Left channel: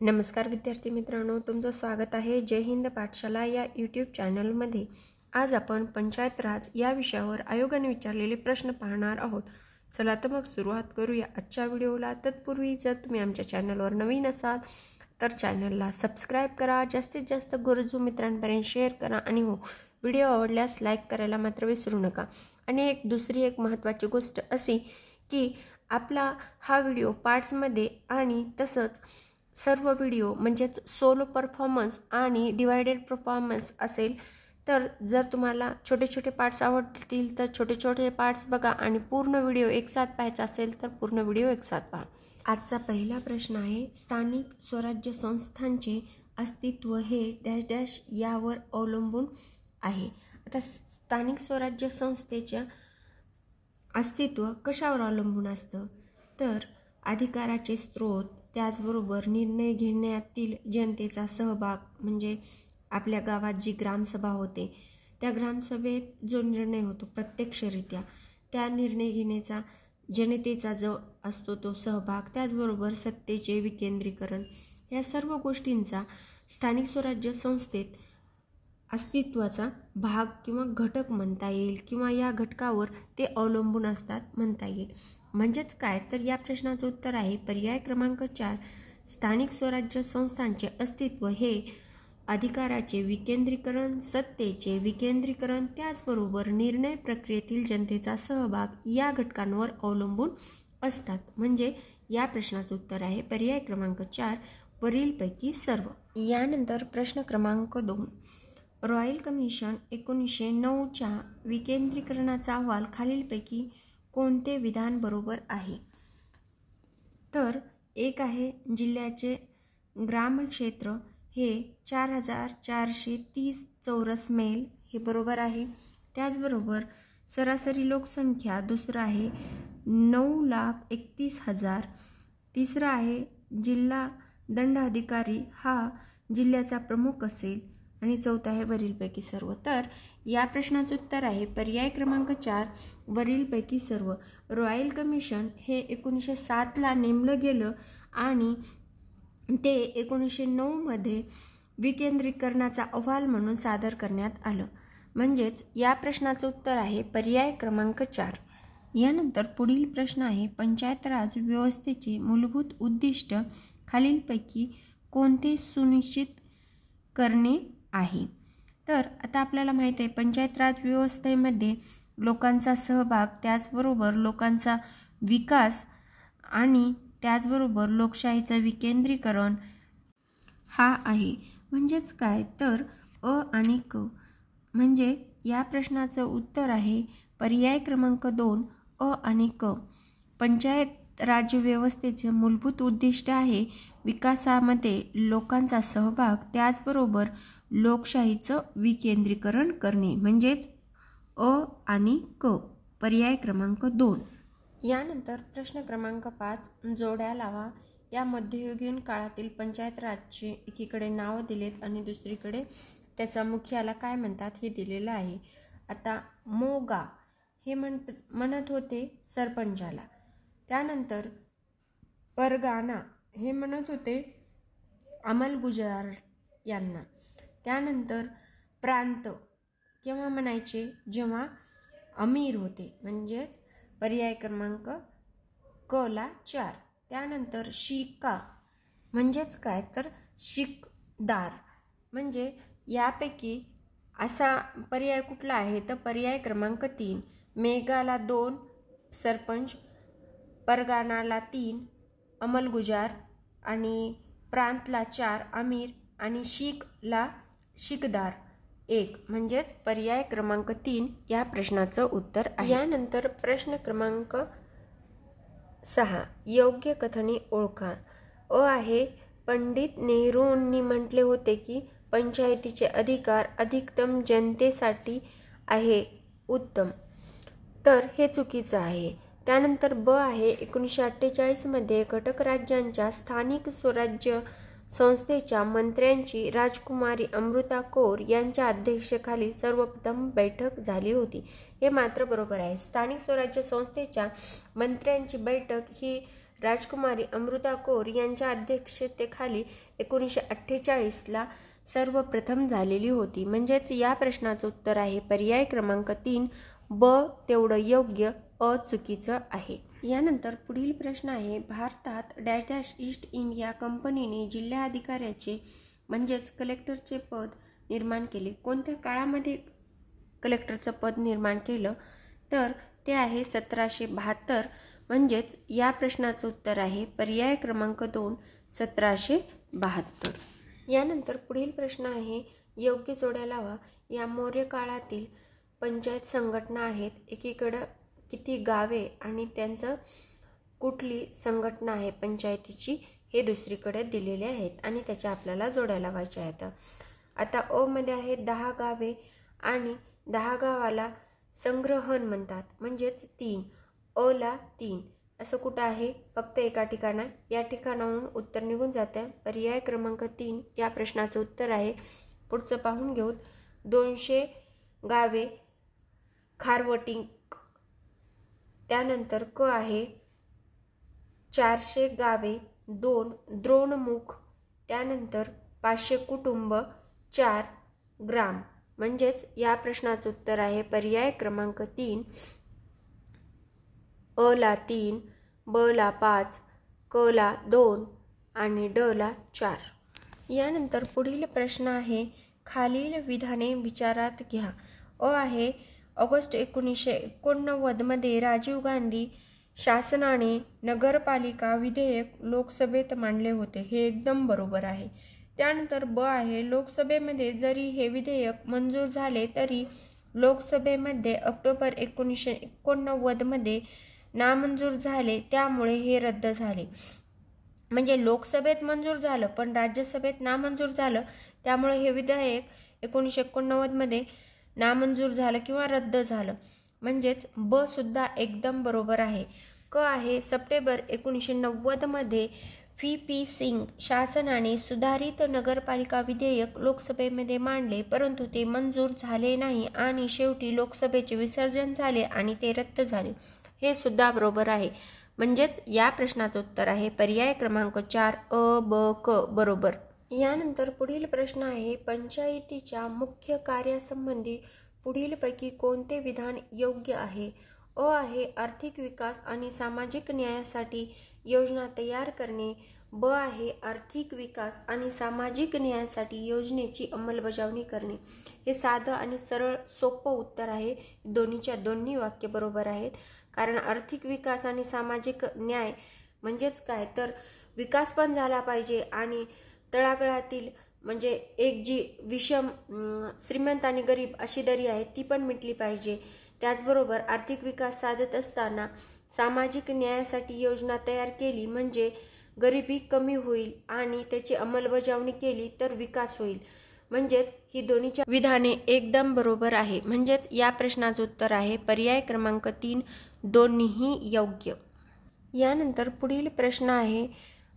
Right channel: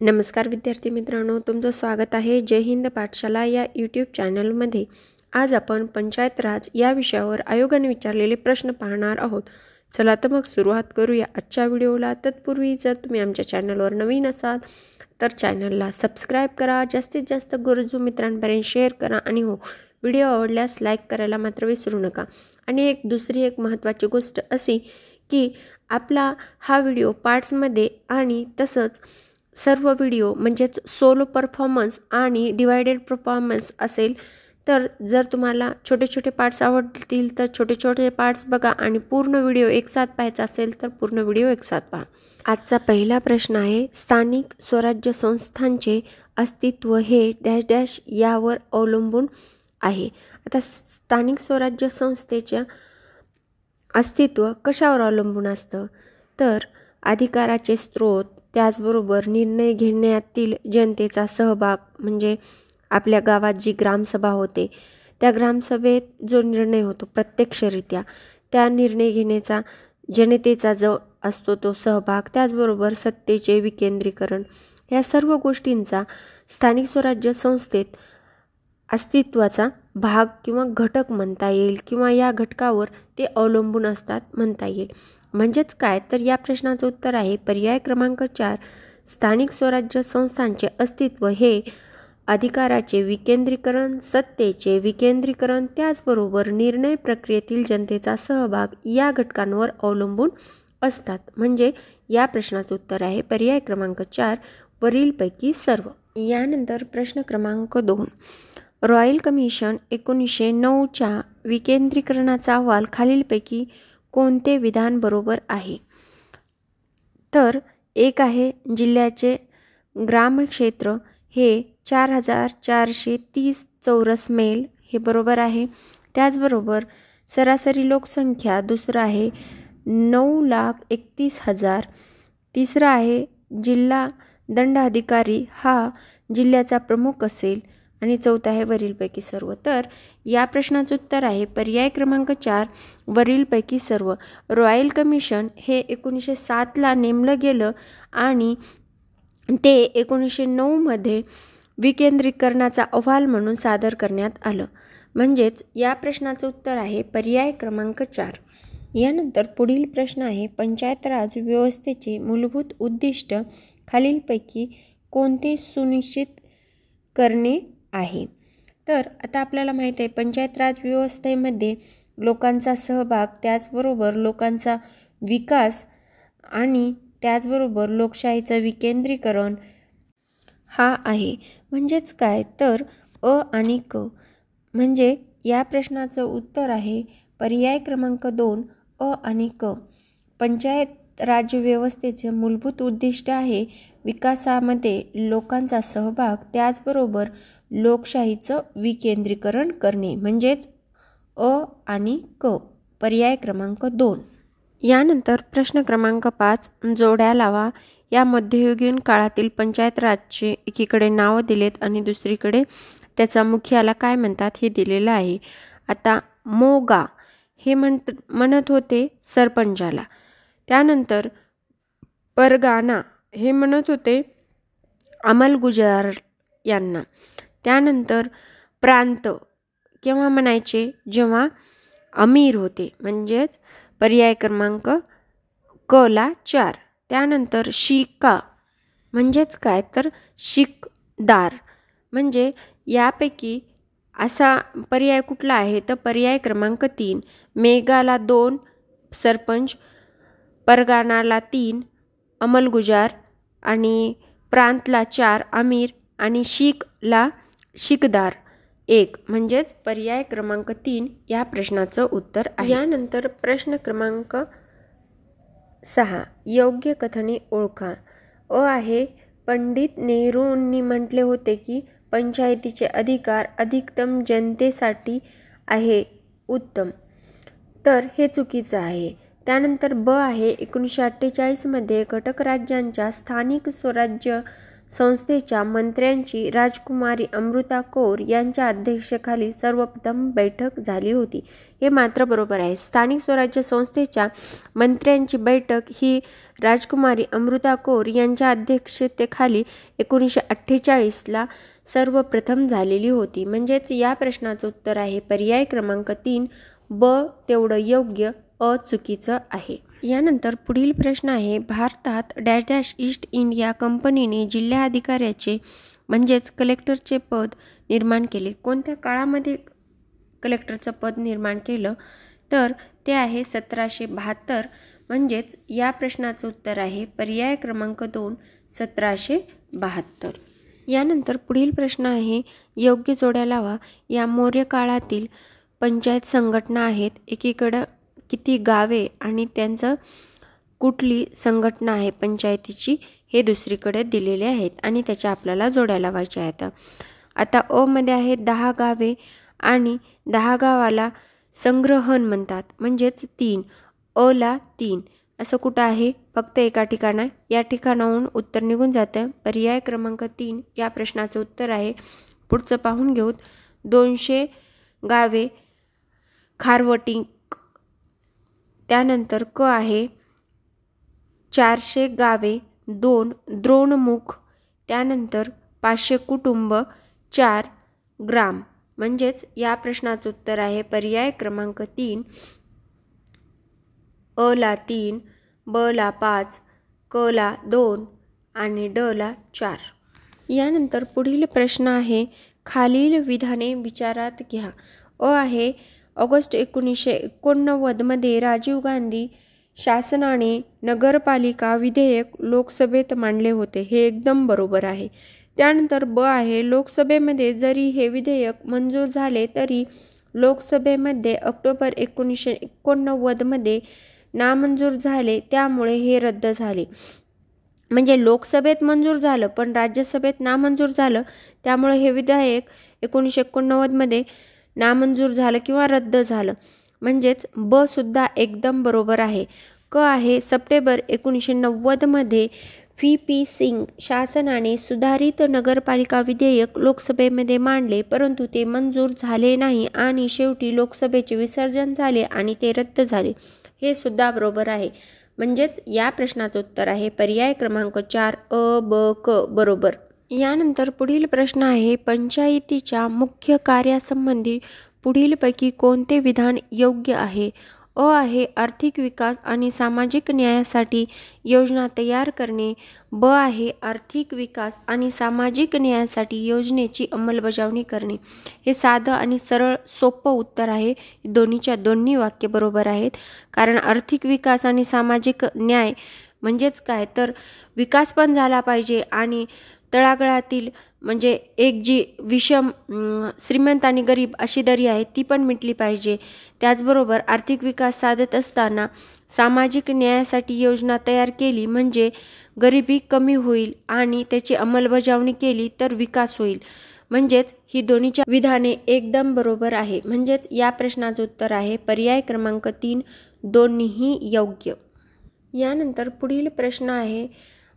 नमस्कार विद्यार्थी मित्रांनो, तुमचं स्वागत आहे जय हिंद पाठशाला या यूट्यूब चॅनलमध्ये। आज आपण पंचायत राज या विषयावर आयोगाने विचारलेले प्रश्न पाहणार आहोत। चला तर मग सुरुवात करूया आजच्या व्हिडिओला। तत्पूर्वी जर तुम्ही आमच्या चॅनलवर नवीन असाल तर चॅनलला सबस्क्राइब करा, जास्तीत जास्त गरजू मित्रांपर्यंत शेअर करा आणि हो, व्हिडिओ आवडल्यास लाईक करायला मात्र विसरू नका। आणि दुसरी एक महत्त्वाची गोष्ट अशी की आपला हा व्हिडिओ पार्ट्समध्ये आणि तसंच सर्व व्हिडिओ म्हणजे सोलो परफॉर्मन्स आणि डिवाइडेड परफॉर्मन्स असेल। तर जर तुम्हाला छोटे छोटे पार्ट्स आवडतील तर छोटे छोटे पार्ट्स बघा आणि पूर्ण व्हिडिओ एकसाथ पाहायचा असेल तर पूर्ण व्हिडिओ एकसाथ पहा। आजचा पहिला प्रश्न आहे, स्थानिक स्वराज्य संस्थांचे अस्तित्व हे डॅश डॅश यावर अवलंबून आहे। आता स्थानिक स्वराज्य संस्थेचे अस्तित्व कशावर अवलंबून असतं तर अधिकाराचे स्रोत, त्याचबरोबर निर्णय घेण्यातील जनतेचा सहभाग, म्हणजे आपल्या गावात जी ग्रामसभा होते त्या ग्रामसभेत जो निर्णय होतो प्रत्यक्षरित्या त्या निर्णय घेण्याचा जनतेचा जो असतो तो सहभाग, त्याचबरोबर सत्तेचे विकेंद्रीकरण, या सर्व गोष्टींचा स्थानिक स्वराज्य संस्थेत अस्तित्वाचा भाग किंवा घटक म्हणता येईल किंवा या घटकावर ते अवलंबून असतात म्हणता येईल। म्हणजेच काय तर या प्रश्नाचं उत्तर आहे पर्याय क्रमांक 4, स्थानिक स्वराज्य संस्थांचे अस्तित्व हे अधिकाराचे विकेंद्रीकरण, सत्तेचे विकेंद्रीकरण, त्याचबरोबर निर्णय प्रक्रियेतील जनतेचा सहभाग या घटकांवर अवलंबून असतात। म्हणजे या प्रश्नाचं उत्तर आहे पर्याय क्रमांक 4 वरीलपैकी सर्व। यानंतर प्रश्न क्रमांक 2, रॉयल कमिशन 1909च्या विकेंद्रीकरणाचा अहवाल खालीलपैकी कोणते विधान बरोबर आहे तर एक आहे, जिल्ह्याचे ग्रामक्षेत्र हे 4430 चौरस मैल हे बरोबर आहे। त्याचबरोबर सरासरी लोकसंख्या दुसरा आहे 9,31,000, तिसरा आहे जिल्हा दंडाधिकारी हा जिल्ह्याचा प्रमुख असेल आणि चौथा आहे वरीलपैकी सर्व। तर या प्रश्नाचं उत्तर आहे पर्याय क्रमांक 4 वरीलपैकी सर्व। रॉयल कमिशन हे 1907ला नेमलं गेलं आणि ते 1909 मध्ये विकेंद्रीकरणाचा अहवाल म्हणून सादर करण्यात आलं। म्हणजेच या प्रश्नाचं उत्तर आहे पर्याय क्रमांक 4। यानंतर पुढील प्रश्न आहे, पंचायत राज व्यवस्थेचे मूलभूत उद्दिष्ट खालीलपैकी कोणते सुनिश्चित करणे आहे तर आता आपल्याला माहित आहे पंचायत राज व्यवस्थेमध्ये लोकांचा सहभाग, त्याचबरोबर लोकांचा विकास आणि त्याचबरोबर लोकशाहीचं विकेंद्रीकरण हा आहे। म्हणजेच काय तर अ आणि क। म्हणजे या प्रश्नाचं उत्तर आहे पर्याय क्रमांक 2 अ आणि क। पंचायत राज व्यवस्थेचे मूलभूत उद्दिष्ट आहे विकासामध्ये लोकांचा सहभाग, त्याचबरोबर लोकशाहीचं विकेंद्रीकरण करणे। म्हणजेच अ आणि क, पर्याय क्रमांक 2। यानंतर प्रश्न क्रमांक 5, जोड्या लावा। या मध्ययुगीन काळातील पंचायत राजचे एकीकडे नाव दिलेत आणि दुसरीकडे त्याचा मुखियाला काय म्हणतात हे दिलेलं आहे। आता मोगा हे म्हणत होते सरपंचाला, त्यानंतर परगाना हे म्हणत होते अंमलगुजार यांना, त्यानंतर प्रांत केव्हा म्हणायचे जेव्हा अमीर होते, म्हणजेच पर्याय क्रमांक क ला 4। त्यानंतर शिका म्हणजेच काय तर शिकदार। म्हणजे यापैकी असा पर्याय कुठला आहे तर पर्याय क्रमांक 3। मेघाला 2 सरपंच, परगानाला 3 अंमलगुजार आणि प्रांतला 4 अमीर आणि शिकला शिकदार 1। म्हणजेच पर्याय क्रमांक 3 या प्रश्नाचं उत्तर आहे। यानंतर प्रश्न क्रमांक 6, योग्य कथने ओळखा। अ आहे, पंडित नेहरूंनी म्हटले होते की पंचायतीचे अधिकार अधिकतम जनतेसाठी आहे उत्तम, तर हे चुकीचं आहे। त्यानंतर ब आहे, 1948 मध्ये घटक राज्यांच्या स्थानिक स्वराज्य संस्थेच्या मंत्र्यांची राजकुमारी अमृता कौर यांच्या अध्यक्षतेखाली सर्वप्रथम बैठक झाली होती. हे मात्र बरोबर आहे. स्थानिक स्वराज्य संस्थेच्या मंत्र्यांची बैठक ही राजकुमारी अमृता कौर यांच्या अध्यक्षतेखाली 1948ला सर्वप्रथम झालेली होती. म्हणजेच या प्रश्नाचं उत्तर आहे पर्याय क्रमांक 3 ब तेवढं योग्य, अ चुकीचं आहे. यानंतर पुढील प्रश्न आहे भारतात डॅश डॅश ईस्ट इंडिया कंपनीने जिल्हाधिकाऱ्याचे म्हणजेच कलेक्टरचे पद निर्माण केले. कोणत्या काळामध्ये कलेक्टरचं पद निर्माण केलं तर ते आहे 1772. म्हणजेच या प्रश्नाचं उत्तर आहे पर्याय क्रमांक 2 1772. यानंतर पुढील प्रश्न आहे योग्य जोड्या लावा. या मौर्य काळातील पंचायत संघटना आहेत. एकीकडं किती गावे आणि त्यांचं कुठली संघटना आहे पंचायतीची हे दुसरीकडे दिलेले आहेत आणि त्याच्या आपल्याला जोड्या लावायच्या आहेत. आता अ मध्ये आहे 10 गावे आणि 10 गावाला संग्रहण म्हणतात म्हणजेच 3. अ ला 3 असं कुठं आहे फक्त एका ठिकाणा. या ठिकाणाहून उत्तर निघून जातं. पर्याय क्रमांक 3 या प्रश्नाचं उत्तर आहे. पुढचं पाहून घेऊत. 200 गावे खारवटी. त्यानंतर क आहे 400 गावे 2 द्रोणमुख. त्यानंतर 500 कुटुंब 4 ग्राम. म्हणजेच या प्रश्नाचं उत्तर आहे पर्याय क्रमांक 3 अ ला 3 ब ला 5 क ला 2 आणि ड ला 4. यानंतर पुढील प्रश्न आहे खालील विधाने विचारात घ्या. अ आहे ऑगस्ट 1989 मध्ये राजीव गांधी शासनाने नगरपालिका विधेयक लोकसभेत मांडले होते. हे एकदम बरोबर आहे. त्यानंतर ब आहे लोकसभेमध्ये जरी हे विधेयक मंजूर झाले तरी लोकसभेमध्ये ऑक्टोबर 1989 मध्ये नामंजूर झाले त्यामुळे हे रद्द झाले. म्हणजे लोकसभेत मंजूर झालं पण राज्यसभेत नामंजूर झालं त्यामुळे हे विधेयक 1989 मध्ये नामंजूर झालं किंवा रद्द झालं. म्हणजेच ब सुद्धा एकदम बरोबर आहे. क आहे सप्टेंबर 1990 मध्ये व्ही.पी. सिंग शासनाने सुधारित नगरपालिका विधेयक लोकसभेमध्ये मांडले परंतु ते मंजूर झाले नाही आणि शेवटी लोकसभेचे विसर्जन झाले आणि ते रद्द झाले. हे सुद्धा बरोबर आहे. म्हणजेच या प्रश्नाचं उत्तर आहे पर्याय क्रमांक 4 अ ब क बरोबर. यानंतर पुढील प्रश्न आहे पंचायतीच्या मुख्य कार्यासंबंधी पुढीलपैकी कोणते विधान योग्य आहे. अ आहे आर्थिक विकास आणि सामाजिक न्यायासाठी योजना तयार करणे. ब आहे आर्थिक विकास आणि सामाजिक न्यायासाठी योजनेची अंमलबजावणी करणे. हे साधं आणि सरळ सोपं उत्तर आहे. दोन्हीच्या दोन्ही वाक्य बरोबर आहेत. कारण आर्थिक विकास आणि सामाजिक न्याय म्हणजेच काय तर विकास पण झाला पाहिजे आणि तळागाळातील म्हणजे एक जी विषम श्रीमंत आणि गरीब अशी दरी आहे ती पण मिटली पाहिजे. त्याचबरोबर आर्थिक विकास साधत असताना सामाजिक न्यायासाठी योजना तयार केली म्हणजे गरिबी कमी होईल आणि त्याची अंमलबजावणी केली तर विकास होईल. म्हणजेच ही दोन्हीच्या विधाने एकदम बरोबर आहे. म्हणजेच या प्रश्नाचं उत्तर आहे पर्याय क्रमांक 3 दोन्हीही योग्य. यानंतर पुढील प्रश्न आहे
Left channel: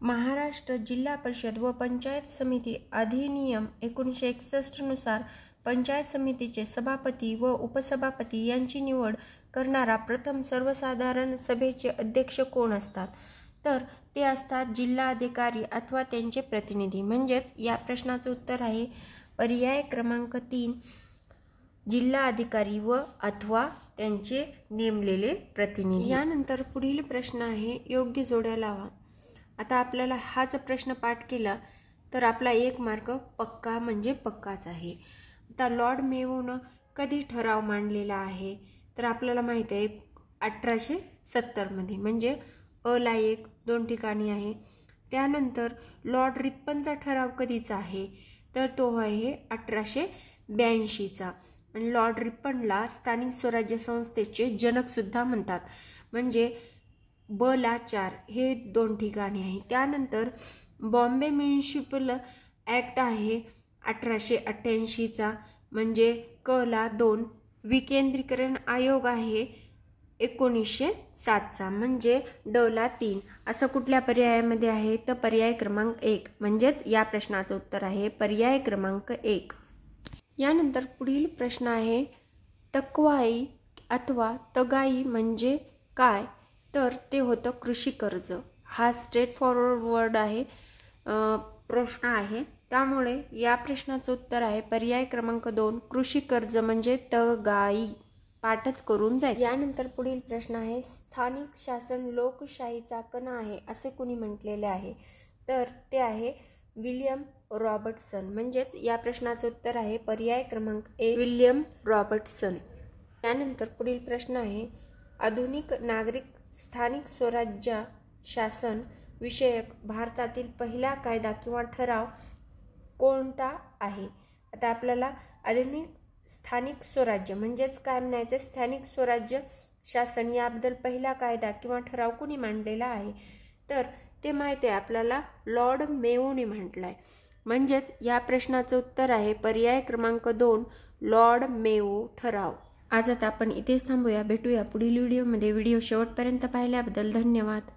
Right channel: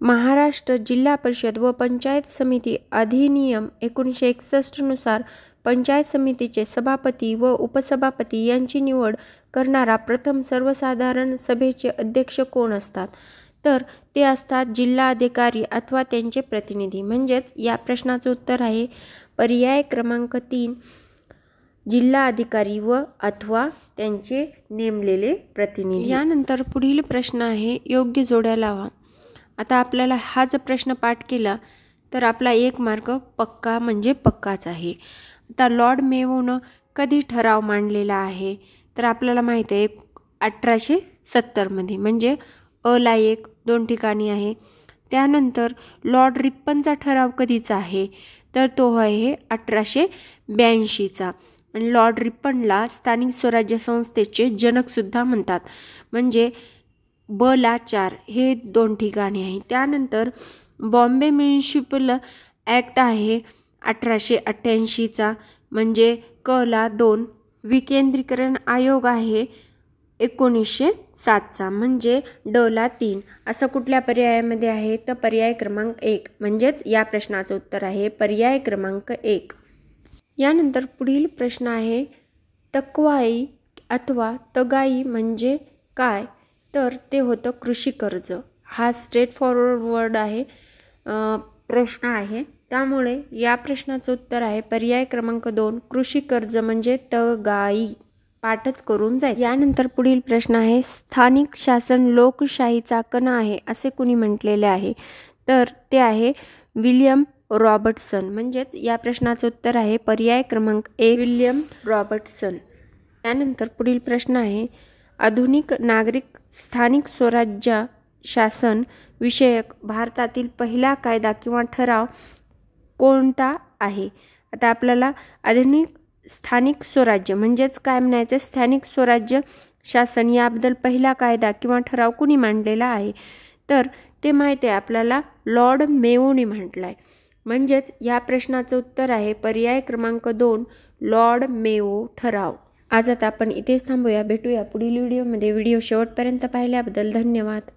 महाराष्ट्र जिल्हा परिषद व पंचायत समिती अधिनियम 1961 नुसार पंचायत समितीचे सभापती व उपसभापती यांची निवड करणारा प्रथम सर्वसाधारण सभेचे अध्यक्ष कोण असतात. तर ते असतात जिल्हाधिकारी अथवा त्यांचे प्रतिनिधी. म्हणजेच या प्रश्नाचं उत्तर आहे पर्याय क्रमांक 3 जिल्हाधिकारी व अथवा त्यांचे नेमलेले प्रतिनिधी. यानंतर पुढील प्रश्न आहे योग्य जोड्या लावा. आता आपल्याला हा जर प्रश्न पाठ केला तर आपला 1 मार्क पक्का म्हणजे पक्काच आहे. आता लॉर्ड मेयोनं कधी ठराव मांडलेला आहे तर आपल्याला माहिती आहे 1870 मध्ये. म्हणजे अ ला 1 2 ठिकाणी आहे. त्यानंतर लॉर्ड रिप्पनचा ठराव कधीचा आहे तर तो आहे 1882चा. आणि लॉर्ड रिप्पनला स्थानिक स्वराज्य संस्थेचे जनकसुद्धा म्हणतात. म्हणजे ब ला 4 हे 2 ठिकाणी आहे. त्यानंतर बॉम्बे म्युनिसिपल ॲक्ट आहे 1888चा. म्हणजे क ला 2. विकेंद्रीकरण आयोग आहे 1907चा. म्हणजे ड ला 3 असं कुठल्या पर्यायामध्ये आहे? तर पर्याय क्रमांक 1 म्हणजेच या प्रश्नाचं उत्तर आहे पर्याय क्रमांक 1. यानंतर पुढील प्रश्न आहे तकवाई अथवा तगाई म्हणजे काय? तर ते होतं कृषी कर्ज. हा स्ट्रेट फॉरवर्ड वर्ड आहे, प्रश्न आहे, त्यामुळे या प्रश्नाचं उत्तर आहे पर्याय क्रमांक 2 कृषी कर्ज म्हणजे तगाई. पाठच करून जायचं. यानंतर पुढील प्रश्न आहे स्थानिक शासन लोकशाहीचा कणा आहे असे कुणी म्हटलेले आहे? तर ते आहे विल्यम रॉबर्टसन. म्हणजेच या प्रश्नाचं उत्तर आहे पर्याय क्रमांक 1 विल्यम रॉबर्टसन. त्यानंतर पुढील प्रश्न आहे आधुनिक नागरिक स्थानिक स्वराज्य शासन विषयक भारतातील पहिला कायदा किंवा ठराव कोणता आहे? आता आपल्याला आधुनिक स्थानिक स्वराज्य म्हणजेच काय म्हणायचं, स्थानिक स्वराज्य शासन याबद्दल पहिला कायदा किंवा ठराव कुणी मांडलेला आहे? तर ते माहिती आहे आपल्याला लॉर्ड मेयोने म्हटलंय. म्हणजेच या प्रश्नाचं उत्तर आहे पर्याय क्रमांक 2 लॉर्ड मेयो ठराव. आज आता आपण इथेच थांबूया. भेटूया पुढील व्हिडिओमध्ये. व्हिडिओ शेवटपर्यंत पाहिल्याबद्दल धन्यवाद.